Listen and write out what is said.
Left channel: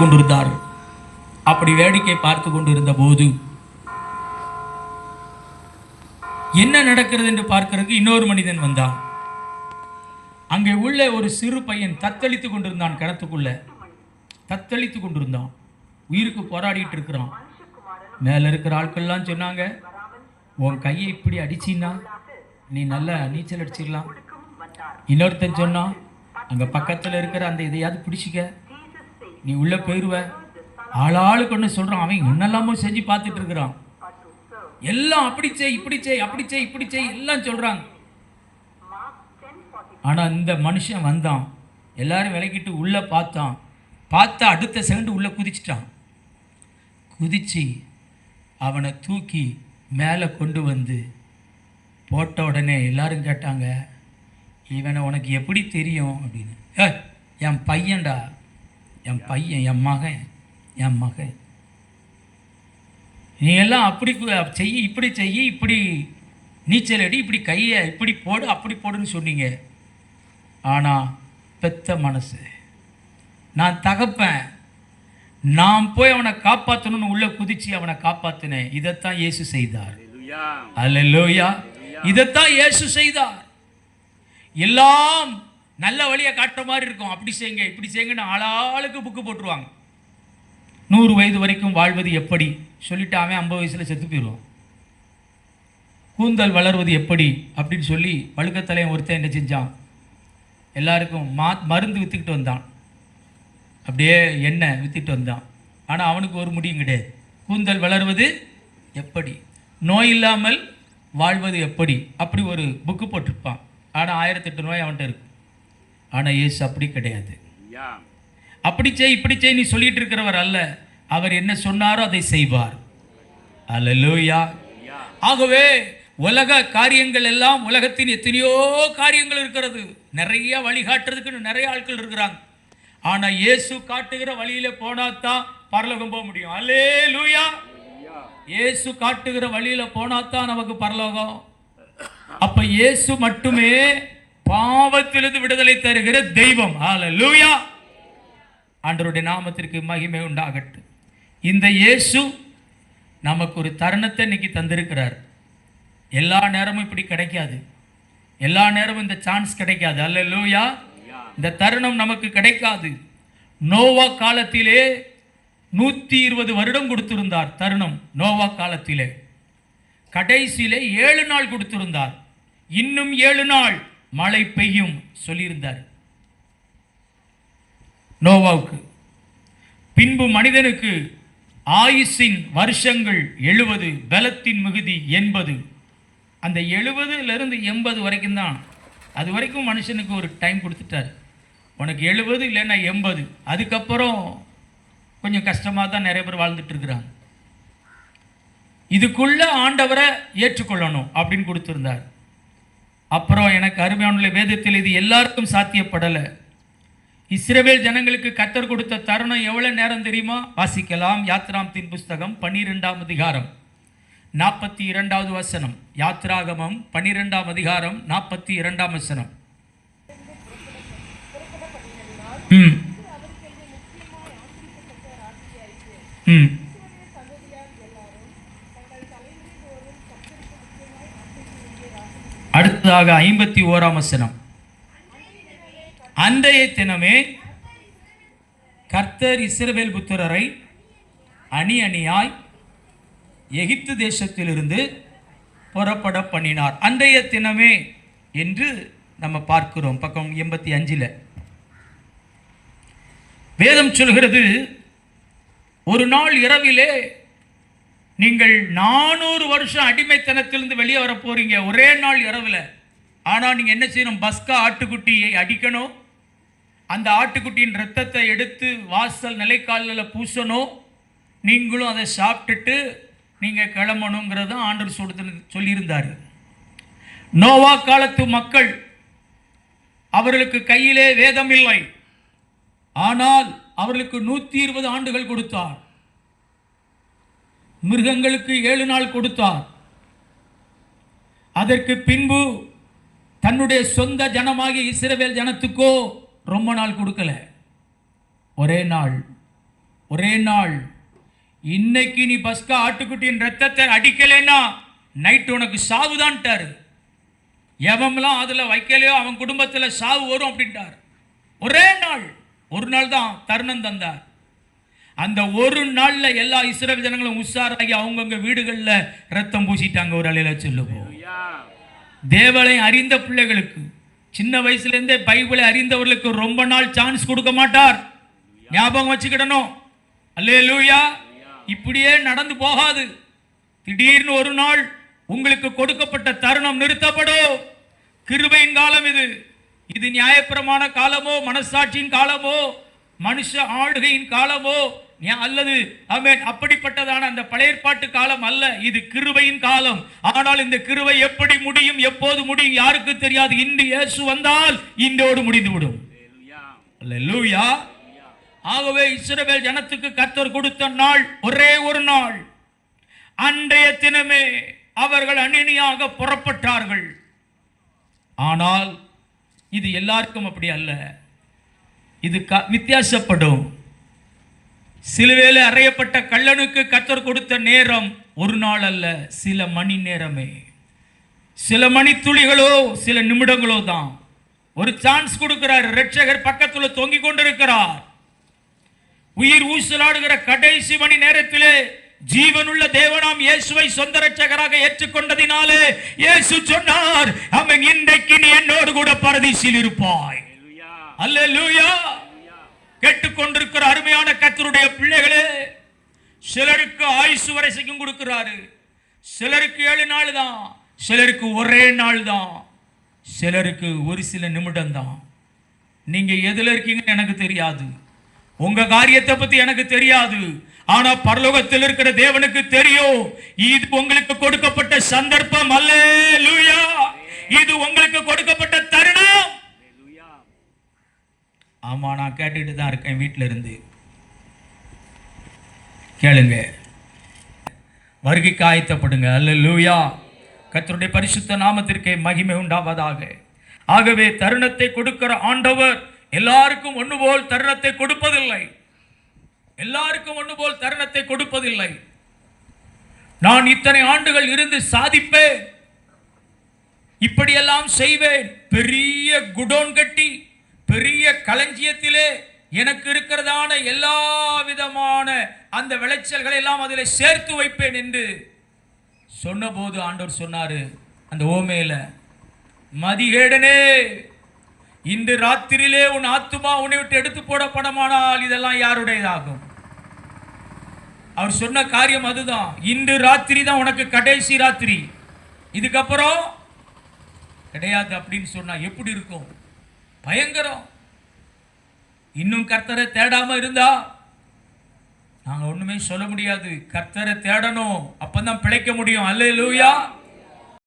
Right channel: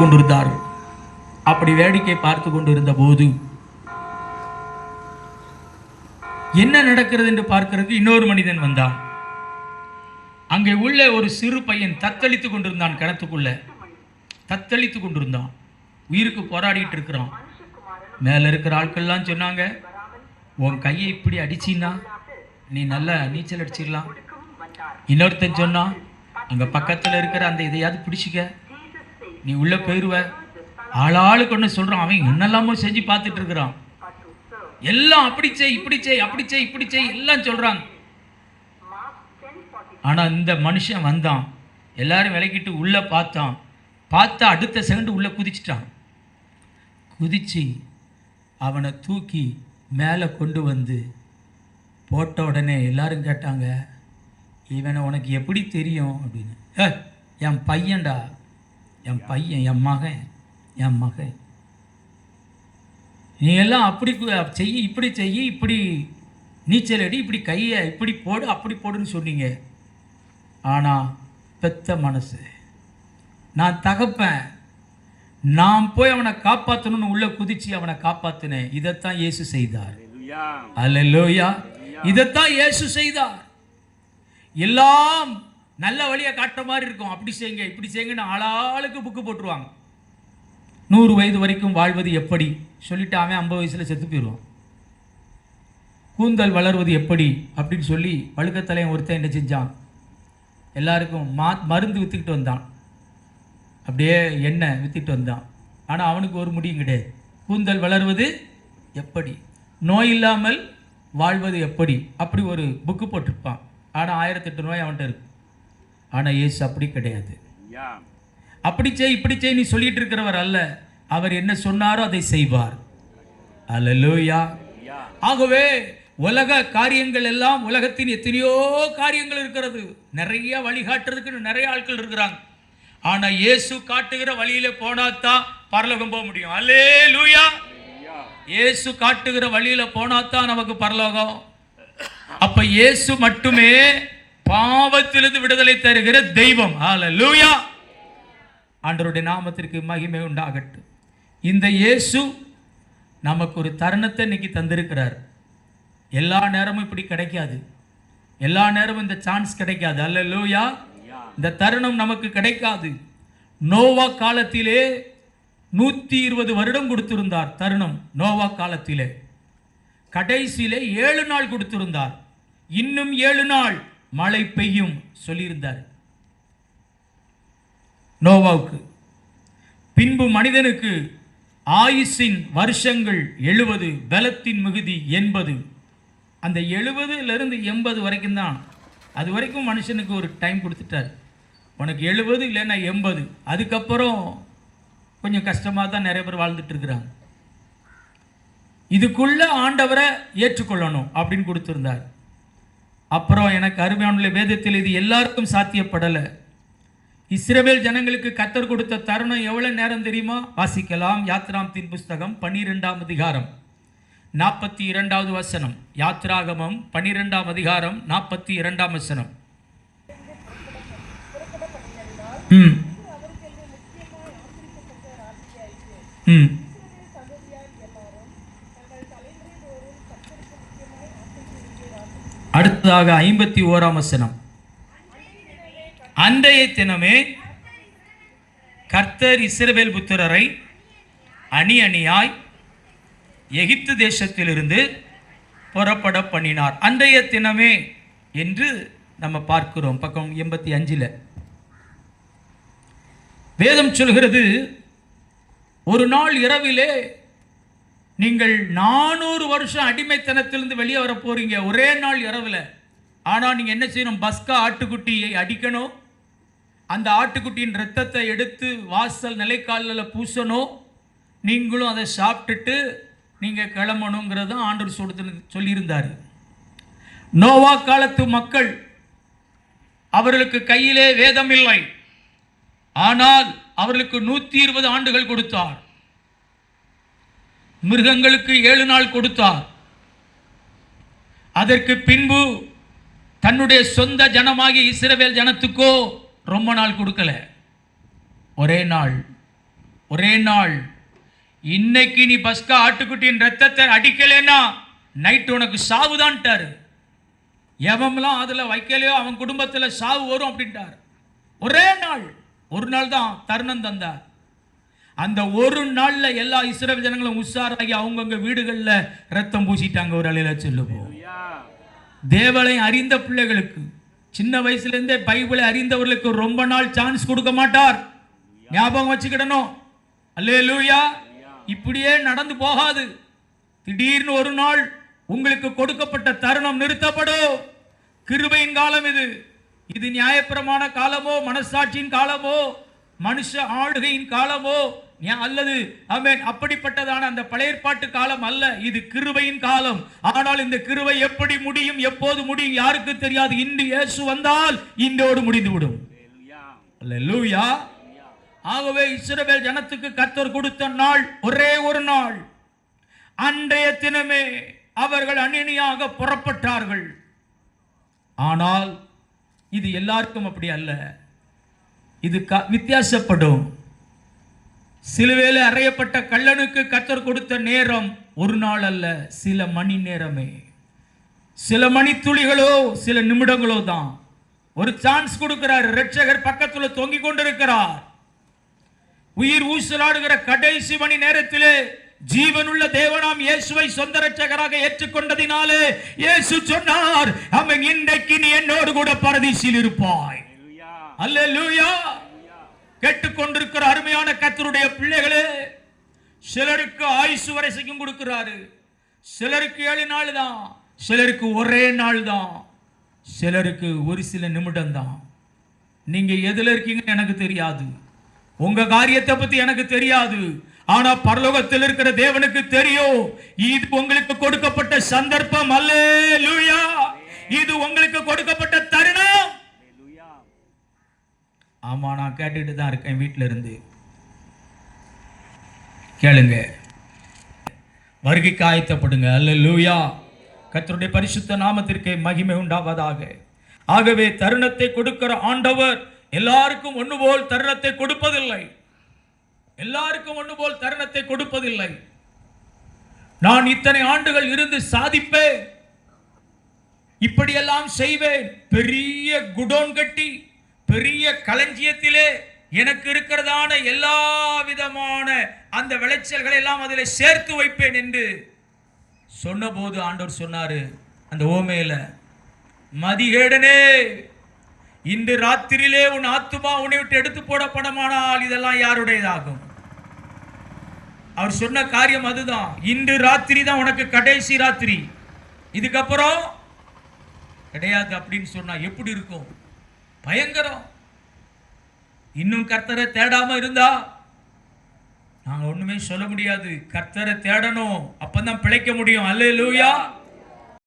கொண்டிருந்தார். அப்படி வேடிக்கை பார்த்து கொண்டிருந்த போது என்ன நடக்கிறது என்று பார்க்கிறதுக்கு இன்னொரு மனிதன் வந்தான். அங்கே உள்ள ஒரு சிறு பையன் தத்தளித்து கொண்டிருந்தான். கிணத்துக்குள்ள தத்தளித்து கொண்டிருந்தான். உயிருக்கு போராடிட்டு இருக்கிறான். மேலே இருக்கிற ஆட்கள்லாம் சொன்னாங்க, உன் கையை இப்படி அடிச்சின்னா நீ நல்லா நீச்சல் அடிச்சிடலாம். இன்னொருத்தன் சொன்னான், அங்கே பக்கத்தில் இருக்கிற அந்த இதையாவது பிடிச்சிக்க, நீ உள்ளே போயிடுவ. ஆளாளுக்கு ஒன்று சொல்கிறான். அவன் என்னெல்லாமோ செஞ்சு பார்த்துட்டு இருக்கிறான். எல்லாம் அப்படி செய், இப்படி செய், அப்படி செய், இப்படி செய் எல்லாம் சொல்கிறாங்க. ஆனால் இந்த மனுஷன் வந்தான். எல்லாரும் விலக்கிட்டு உள்ளே பார்த்தான். பார்த்தா அடுத்த செகண்டு உள்ளே குதிச்சிட்டான். குதிச்சு அவனை தூக்கி மேலே கொண்டு வந்து போட்ட உடனே எல்லாரும் கேட்டாங்க, இவனை உனக்கு எப்படி தெரியும் அப்படின்னு. என் பையன்டா, என் பையன், என் மகன். நீ எல்லாம் அப்படி செய்ய, இப்படி செய்ய, இப்படி நீச்சல் அடி, இப்படி கையை இப்படி போடு, அப்படி போடுன்னு சொன்னீங்க. ஆனால் பெத்த மனசு, நான் தகப்பேன், நான் போய் அவனை காப்பாற்றணும்னு உள்ள குதிச்சு அவனை காப்பாற்றினேன். இதைத்தான் இயேசு செய்தார். அல்லேலூயா. இதைத்தான் இயேசு செய்தார். எல்லாம் நல்ல வழியை காட்டுற மாதிரி இருக்கும். அப்படி செய்யுங்க, இப்படி செய்யுங்கன்னு ஆளாளுக்கு புக்கு போட்டுருவாங்க. 100 வயது வரைக்கும் வாழ்வது எப்படி சொல்லிட்டு அவன் 50 வயசில் செத்து போயிடுவான். கூந்தல் வளர்வது எப்படி அப்படின்னு சொல்லி வழுக்கத்தலையன் ஒருத்தன் என்ன செஞ்சான், எல்லாருக்கும் மருந்து விற்றுக்கிட்டு வந்தான். அப்படியே எண்ணெய் விற்றுட்டு வந்தான். ஆனால் அவனுக்கு ஒரு முடியும் கிடையாது. கூந்தல் வளர்வது எப்படி, நோய் இல்லாமல் வாழ்வது எப்படி, அப்படி ஒரு புக்கு போட்டிருப்பான். ஆனால் 1008 நோய் அவன்கிட்ட இருக்கு. ஆனால் இயேசு அப்படி கிடையாது. அப்படி செய், இப்படி செய் நீ சொல்லிட்டு இருக்கிறவர் அல்ல. அவர் என்ன சொன்னாரோ அதை செய்வார். அல்லேலூயா. ஆகவே உலக காரியங்கள் எல்லாம், உலகத்தின் எத்தனையோ காரியங்கள் இருக்கிறது. நிறைய வழிகாட்டுறதுக்கு நிறைய ஆட்கள் இருக்கிறாங்க. ஆனால் இயேசு காட்டுகிற வழியில போனாதான் பரலோகம் போக முடியும். அல்லேலூயா. இயேசு காட்டுகிற வழியில போனாதான் நமக்கு பரலோகம். அப்ப இயேசு மட்டுமே பாவத்திலிருந்து விடுதலை தருகிற தெய்வம். அல்லேலூயா. ஆண்டவருடைய நாமத்திற்கு மகிமை உண்டாகட்டும். இந்த இயேசு நமக்கு ஒரு தருணத்தை இன்னைக்கு தந்திருக்கிறார். எல்லா நேரமும் இப்படி கிடைக்காது. எல்லா நேரமும் இந்த சான்ஸ் கிடைக்காது. அல்லேலூயா. இந்த தருணம் நமக்கு கிடைக்காது. நோவா காலத்திலே 120 வருடம் கொடுத்திருந்தார். தருணம் நோவா காலத்திலே கடைசியிலே 7 நாள் கொடுத்திருந்தார். இன்னும் 7 நாள் மழை பெய்யும் சொல்லியிருந்தார் நோவாவுக்கு. பின்பு மனிதனுக்கு ஆயுசின் வருஷங்கள் 70, பலத்தின் மிகுதி 80. அந்த 70லிருந்து 80 வரைக்கும் தான். அது வரைக்கும் மனுஷனுக்கு ஒரு டைம் கொடுத்துட்டார். உனக்கு 70 இல்லைன்னா 80. அதுக்கப்புறம் கொஞ்சம் கஷ்டமாக தான் நிறைய பேர் வாழ்ந்துட்டு இருக்கிறாங்க. இதுக்குள்ள ஆண்டவரை ஏற்றுக்கொள்ளணும் அப்படின்னு கொடுத்துருந்தார். அப்புறம் எனக்கு அருமையான வேதத்தில் இது எல்லாருக்கும் சாத்தியப்படலை. இஸ்ரவேல் ஜனங்களுக்கு கர்த்தர் கொடுத்த தருணம் எவ்வளவு நேரம் தெரியுமா? வாசிக்கலாம். யாத்ராகமத்தின் புஸ்தகம் 12ஆம் அதிகாரம் 42வது வசனம். யாத்ராகமம் 12ஆம் அதிகாரம் 42ஆம் வசனம். அடுத்ததாக 51ஆம் வசனம். அன்றைய தினமே கர்த்தர் இஸ்ரவேல் புத்திரரை அணி அணியாய் எகிப்து தேசத்திலிருந்து புறப்பட பண்ணினார். அன்றைய தினமே என்று நம்ம பார்க்கிறோம். பக்கம் 85. வேதம் சொல்கிறது, ஒரு நாள் இரவிலே நீங்கள் 400 வருஷம் அடிமைத்தனத்திலிருந்து வெளியே வர போறீங்க. ஒரே நாள் இரவில். ஆனால் நீங்கள் என்ன செய்யணும்? பஸ்கா ஆட்டுக்குட்டியை அடிக்கணும். அந்த ஆட்டுக்குட்டியின் இரத்தத்தை எடுத்து வாசல் நிலைக்காலில் பூசணும். நீங்களும் அதை சாப்பிட்டுட்டு நீங்கள் கிளம்பணுங்கிறத ஆண்டவர் சொல்லியிருந்தார். நோவா காலத்து மக்கள், அவர்களுக்கு கையிலே வேதம் இல்லை. ஆனால் அவர்களுக்கு 120 ஆண்டுகள் கொடுத்தார். மிருகங்களுக்கு 7 நாள் கொடுத்தார். அதற்கு பின்பு தன்னுடைய சொந்த ஜனமாகிய இஸ்ரவேல் ஜனத்துக்கோ ரொம்ப நாள் கொடுக்கல. ஒரே நாள் ஒரே நாள், இன்னைக்கு நீ பஸ்கா ஆட்டுக்குட்டியின் ரத்தத்தை அடிக்கலைன்னா நைட்டு உனக்கு சாவுதான்ட்டாரு. எவம்லாம் அதில் வைக்கலையோ அவன் குடும்பத்தில் சாவு வரும் அப்படின்ட்டார். ஒரே நாள், ஒரு நாள் தான் தருணம் தந்தார். அந்த ஒரு நாளில் எல்லா இஸ்ரவேல் ஜனங்களும் உஷாராகி அவங்கவுங்க வீடுகளில் ரத்தம் பூசிட்டாங்க. ஒரு அலையில சொல்லுவோம். தேவனை அறிந்த பிள்ளைகளுக்கு, சின்ன வயசுலேருந்தே பைபிளை அறிந்தவர்களுக்கு ரொம்ப நாள் சான்ஸ் கொடுக்க மாட்டார். ஞாபகம் வச்சுக்கிடணும். அல்லேலூயா. இப்படியே நடந்து போகாது. திடீர்னு ஒரு நாள் உங்களுக்கு கொடுக்கப்பட்ட தருணம் நிறுத்தப்படும். கிருபையின் காலம் இது. இது நியாயப்பிரமாண காலமோ, மனசாட்சியின் காலமோ, மனுஷ ஆளுகையின் காலமோ அல்லது ஆமென் அப்படிப்பட்டதான அந்த பழைய ஏற்பாட்டு காலம் அல்ல. இது கிருபையின் காலம். ஆனால் இந்த கிருபை எப்படி முடியும், எப்போது முடியும் யாருக்கு தெரியாது. இன்று இயேசு வந்தால் இன்றோடு முடிந்துவிடும். அல்லேலூயா. ஆகவே இஸ்ரவேல் ஜனத்துக்கு கர்த்தர் கொடுத்த நாள் ஒரே ஒரு நாள். அன்றைய தினமே அவர்கள் அணியாக புறப்பட்டார்கள். ஆனால் இது எல்லாருக்கும் அப்படி அல்ல. இது வித்தியாசப்படும். சிலுவையில் அறையப்பட்ட கள்ளனுக்கு கர்த்தர் கொடுத்த நேரம் ஒரு நாள் அல்ல, சில மணி நேரமே. சில மணி துளிகளோ சில நிமிடங்களோ தான். ஒரு சான்ஸ் கொடுக்கிறார். இரட்சகர் பக்கத்தில் தொங்கிக் கொண்டிருக்கிறார். உயிர் ஊசலாடுகிற கடைசி மணி நேரத்திலே ஜீவனுள்ள தேவனாம் இயேசுவை சொந்த இரட்சகராக ஏற்றுக்கொண்டதினாலே இயேசு சொன்னார், அவன் இன்றைக்கு நீ என்னோடு கூட பரதீசில் இருப்பாய். அல்லேலூயா. கேட்டுக்கொண்டிருக்கிற அருமையான கர்த்தருடைய பிள்ளைகளே, சிலருக்கு ஆயுசு வரைக்கும் கொடுக்கிறாரு. சிலருக்கு 7 நாள் தான், சிலருக்கு ஒரே நாள் தான், சிலருக்கு ஒரு சில நிமிடம் தான். நீங்க எதுல இருக்கீங்கன்னு எனக்கு தெரியாது. உங்க காரியத்தை பத்தி எனக்கு தெரியாது. ஆனா பரலோகத்தில் இருக்கிற தேவனுக்கு தெரியும். இது உங்களுக்கு கொடுக்கப்பட்ட சந்தர்ப்பம். அல்லேலூயா. இது உங்களுக்கு கொடுக்கப்பட்ட தருணம். ஆமா, நான் கேட்டுட்டு தான் இருக்கேன். வீட்டில இருந்து கேளுங்க. வருகைக்கு ஆயத்தப்படுங்க. அல்லேலூயா. கர்த்தருடைய பரிசுத்த நாமத்திற்கே மகிமை உண்டாவதாக. ஆகவே தருணத்தை கொடுக்கிற ஆண்டவர் எல்லாருக்கும் ஒன்று போல் தருணத்தை கொடுப்பதில்லை. எல்லாருக்கும் ஒன்று போல் தருணத்தை கொடுப்பதில்லை. நான் இத்தனை ஆண்டுகள் இருந்து சாதிப்பேன், இப்படியெல்லாம் செய்வேன், பெரிய குடோன் கட்டி பெரிய களஞ்சியத்திலே எனக்கு இருக்கிறதான எல்லா விதமான அந்த விளைச்சல்களை எல்லாம் அதில் சேர்த்து வைப்பேன் என்று சொன்னபோது ஆண்டவர் சொன்னாரு அந்த ஓமையில, மதிகேடனே, இன்று ராத்திரியிலே உன் ஆத்துமா உன்னை விட்டு எடுத்து போடப்படமானால் இதெல்லாம் யாருடையதாகும்? அவர் சொன்ன காரியம் அதுதான். இன்று ராத்திரி தான் உனக்கு கடைசி ராத்திரி, இதுக்கப்புறம் கிடையாது அப்படின்னு சொன்னா எப்படி இருக்கும்? பயங்கரம். இன்னும் கர்த்தரை தேடாம இருந்தா நாங்க ஒண்ணுமே சொல்ல முடியாது. கர்த்தரை தேடணும், அப்பதான் பிழைக்க முடியும். அல்லேலூயா.